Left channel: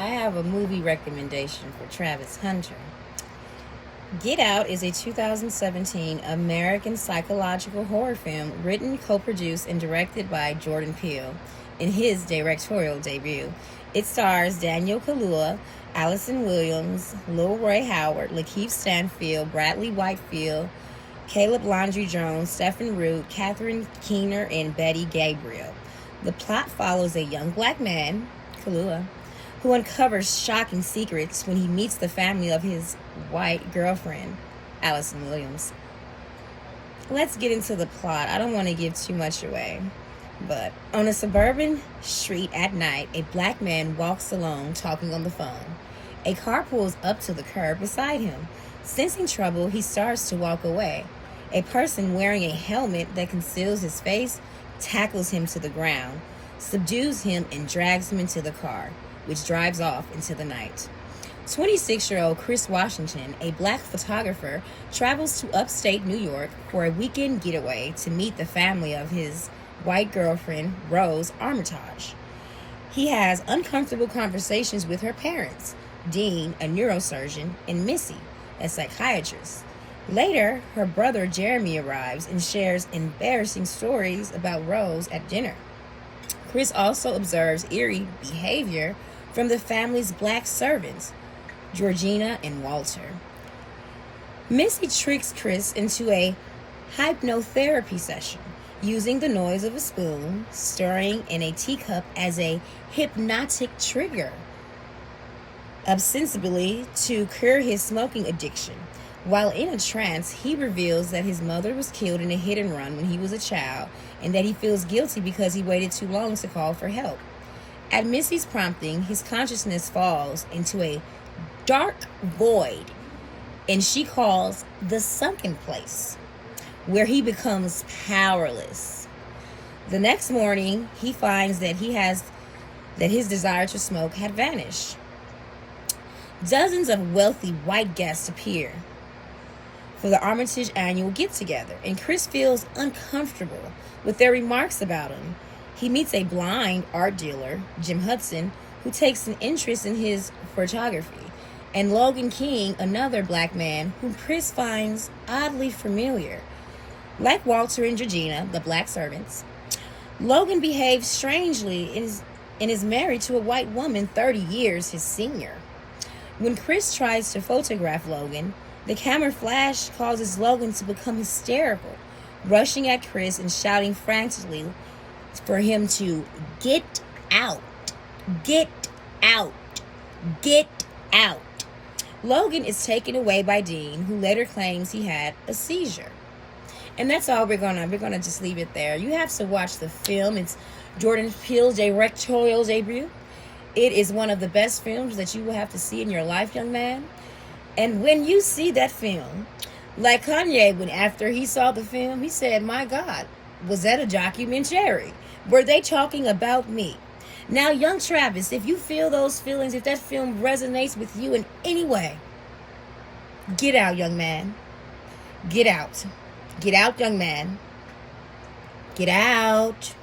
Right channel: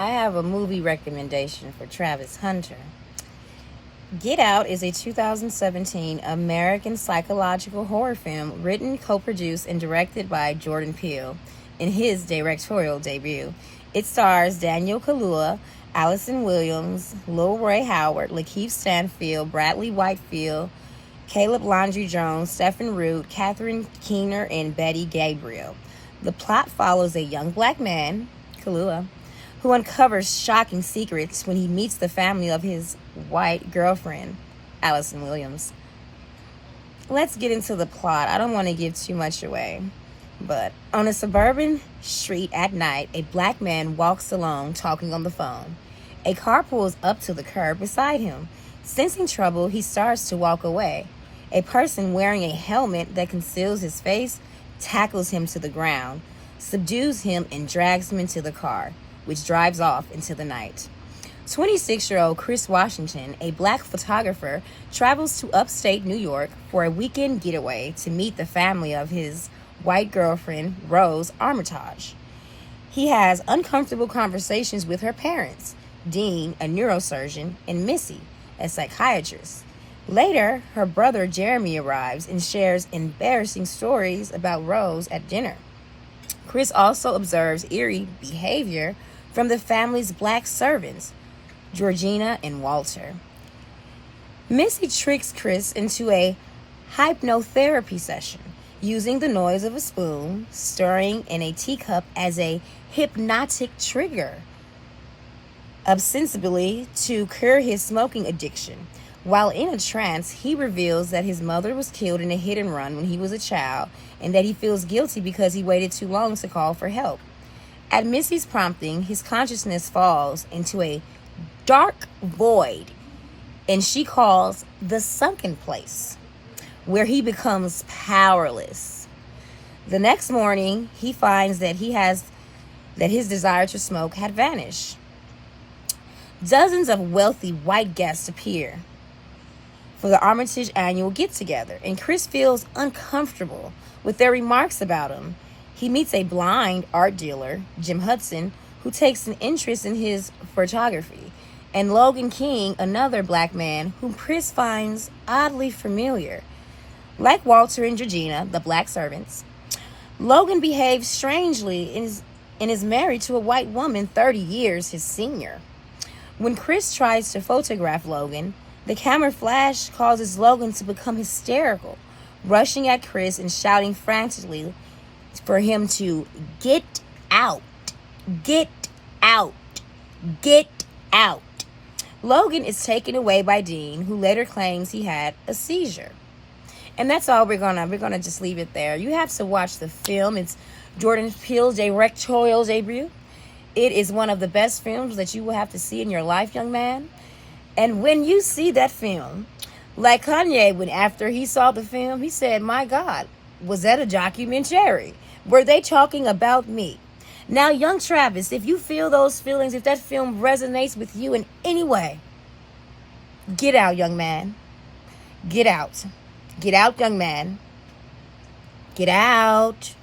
I have a movie recommendation for Travis Hunter. Get Out is a 2017 American psychological horror film written, co-produced, and directed by Jordan Peele in his directorial debut. It stars Daniel Kaluuya, Allison Williams, Lil Ray Howard, Lakeith Stanfield, Bradley Whitefield, Caleb Landry Jones, Stephen Root, Catherine Keener, and Betty Gabriel. The plot follows a young black man, Kaluuya, who uncovers shocking secrets when he meets the family of his white girlfriend, Allison Williams. Let's get into the plot. I don't want to give too much away. But on a suburban street at night, a black man walks alone talking on the phone. A car pulls up to the curb beside him. Sensing trouble, he starts to walk away. A person wearing a helmet that conceals his face tackles him to the ground, subdues him, and drags him into the car, which drives off into the night. 26-year-old Chris Washington, a black photographer, travels to upstate New York for a weekend getaway to meet the family of his white girlfriend, Rose Armitage. He has uncomfortable conversations with her parents, Dean, a neurosurgeon, and Missy, a psychiatrist. Later, her brother Jeremy arrives and shares embarrassing stories about Rose at dinner. Chris also observes eerie behavior from the family's black servants, Georgina and Walter. Missy tricks Chris into a hypnotherapy session, using the noise of a spoon stirring in a teacup as a hypnotic trigger, ostensibly to cure his smoking addiction. While in a trance, he reveals that his mother was killed in a hit and run when he was a child, and that he feels guilty because he waited too long to call for help. At Missy's prompting, his consciousness falls into a dark void, and she calls the sunken place, where he becomes powerless. The next morning, he finds that his desire to smoke had vanished. Dozens of wealthy white guests appear for the Armitage annual get-together, and Chris feels uncomfortable with their remarks about him. He meets a blind art dealer, Jim Hudson, who takes an interest in his photography, and Logan King, another black man whom Chris finds oddly familiar. Like Walter and Georgina, the black servants, Logan behaves strangely and is married to a white woman 30 years his senior. When Chris tries to photograph Logan, the camera flash causes Logan to become hysterical, rushing at Chris and shouting frantically for him to get out, get out, get out. Logan is taken away by Dean, who later claims he had a seizure. And that's all we're gonna just leave it there. You have to watch the film. It's Jordan Peele's directorial debut. It is one of the best films that you will have to see in your life, young man. And when you see that film, like Kanye, when after he saw the film, he said, "My God, was that a documentary? Were they talking about me?" Now, young Travis, if you feel those feelings, if that film resonates with you in any way, get out, young man. Get out. Get out, young man. Get out.